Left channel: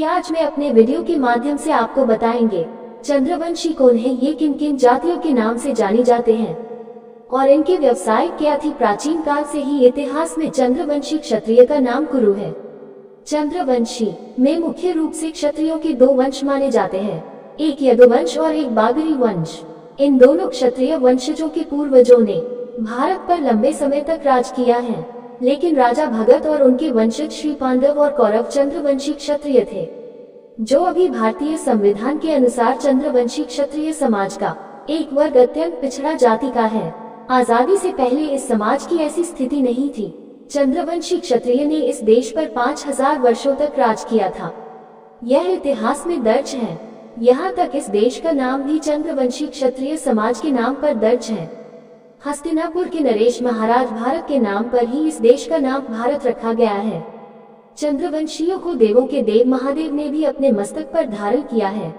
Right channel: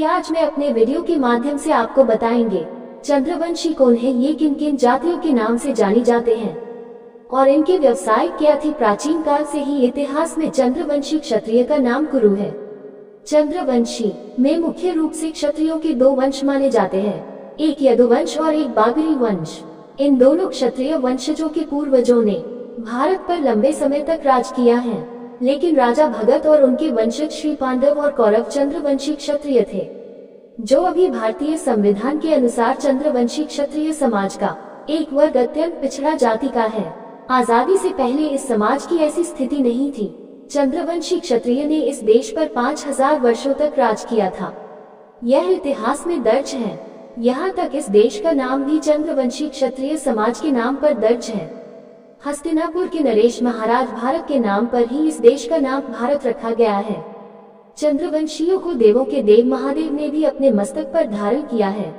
कि आज मैं अपने वीडियो के माध्यम से आपको बताएंगे चंद्रवंशी कौन है, ये किन किन जातियों के नाम से जानी जाते हैं और इनके व्यवसाय क्या थी। प्राचीन काल से ही इतिहास में चंद्रवंशी क्षत्रिय का नाम कुरु है। चंद्रवंशी में मुख्य रूप से क्षत्रियों के दो वंश माने जाते हैं, एक यदुवंश और एक बागरी वंश। इन दोनों क्षत्रिय वंशजों के पूर्वजों ने भारत पर लंबे समय तक राज किया है, लेकिन राजा भगत और उनके वंशज श्री पांडव और कौरव चंद्रवंशी क्षत्रिय थे, जो अभी भारतीय संविधान के अनुसार चंद्रवंशी क्षत्रिय समाज का एक वर्ग अत्यंत पिछड़ा जाति का है। आजादी से पहले इस समाज की ऐसी स्थिति नहीं थी। चंद्रवंशी क्षत्रिय ने इस देश पर 5000 वर्षों तक राज किया था। यह इतिहास में दर्ज है। यहाँ तक इस देश का नाम भी चंद्रवंशी क्षत्रिय समाज के नाम पर दर्ज है। हस्तिनापुर के नरेश महाराज भारत के नाम पर ही इस देश का नाम भारत रखा गया है। चंद्रवंशियों को देवों के देव महादेव ने भी अपने मस्तक पर धारण किया है।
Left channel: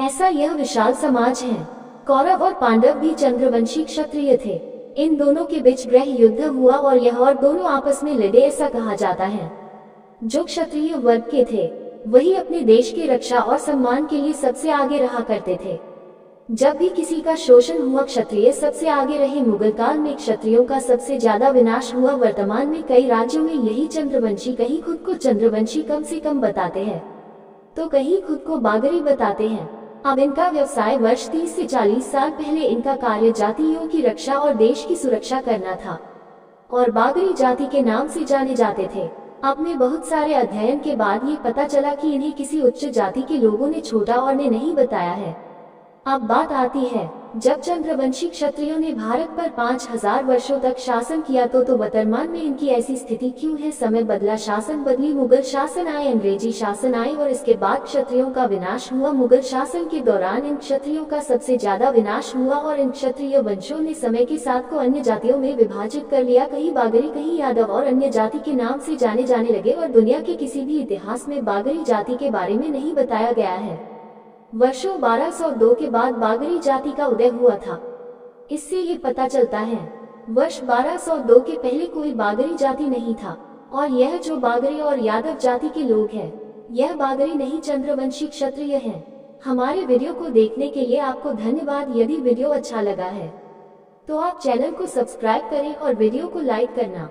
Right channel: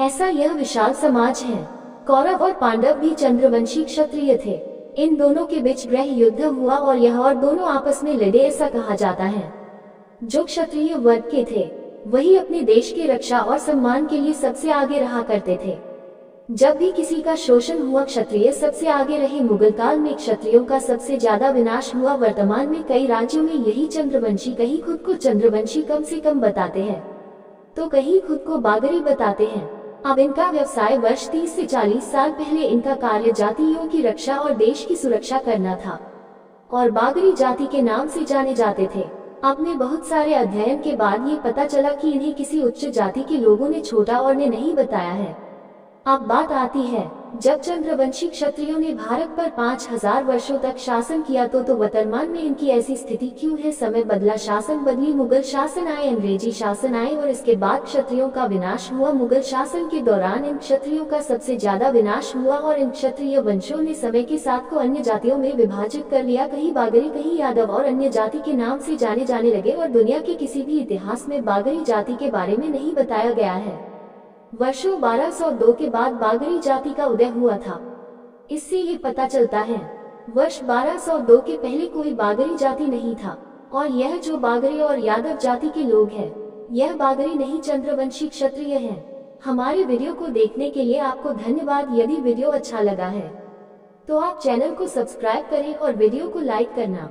ऐसा यह विशाल समाज है। कौरव और पांडव भी चंद्रवंशी क्षत्रिय थे। इन दोनों के बीच गृह युद्ध हुआ और यह और दोनों आपस में लड़े, ऐसा कहा जाता है। जो क्षत्रिय वर्ग के थे वही अपने देश की रक्षा और सम्मान के लिए सबसे आगे रहा करते थे। जब भी किसी का शोषण हुआ, क्षत्रिय सबसे आगे रहे। मुगल काल में क्षत्रियों का सबसे ज्यादा विनाश हुआ। वर्तमान में कई राज्यों में यही चंद्रवंशी कहीं खुद को चंद्रवंशी कम से कम बताते हैं, तो कहीं खुद को बागरी बताते हैं। अब इनका व्यवसाय वर्ष 30 से 40 साल पहले इनका कार्य जातियों की रक्षा और देश की सुरक्षा करना था और बागरी जाति के नाम से जाने जाते थे। अब में बहुत सारे अध्ययन के बाद ये पता चला कि इन्हें किसी उच्च जाति के लोगों ने छोटा और ने नहीं बताया है। अब बात आती है, जब चंद्रवंशी क्षत्रियों ने भारत पर 5000 वर्षों तक शासन किया तो वर्तमान में इनकी ऐसी स्थिति क्यों है। समय बदला, शासन बदली, मुगल शासन आए, अंग्रेजी शासन आए और इसके बाद क्षत्रियों का विनाश हुआ। मुगल शासन के दौरान इन क्षत्रियों का सबसे ज्यादा विनाश हुआ और इन क्षत्रिय वंशों ने समय के साथ को अन्य जातियों में विभाजित कर लिया। कहीं बागरी, कहीं यादव और अन्य जाति के नाम से जाने जाने लगे और दुनिया के किसी भी इतिहास में बागरी जाति के बारे में नहीं बताया गया है। वर्षों 1202 के बाद बागरी जाति का उदय हुआ था। इससे ये पता चलता है वर्ष 1202 के पहले कोई बागरी जाति नहीं था और यह जो बागरी और यादव जाति के लोग हैं, यह बागरी नहीं चंद्रवंशी क्षत्रिय हैं। हमारे वीडियो को देखने के लिए आपको धन्यवाद। यदि वीडियो अच्छा लगा है तो आप चैनल को सब्सक्राइब करें और वीडियो को लाइक करना।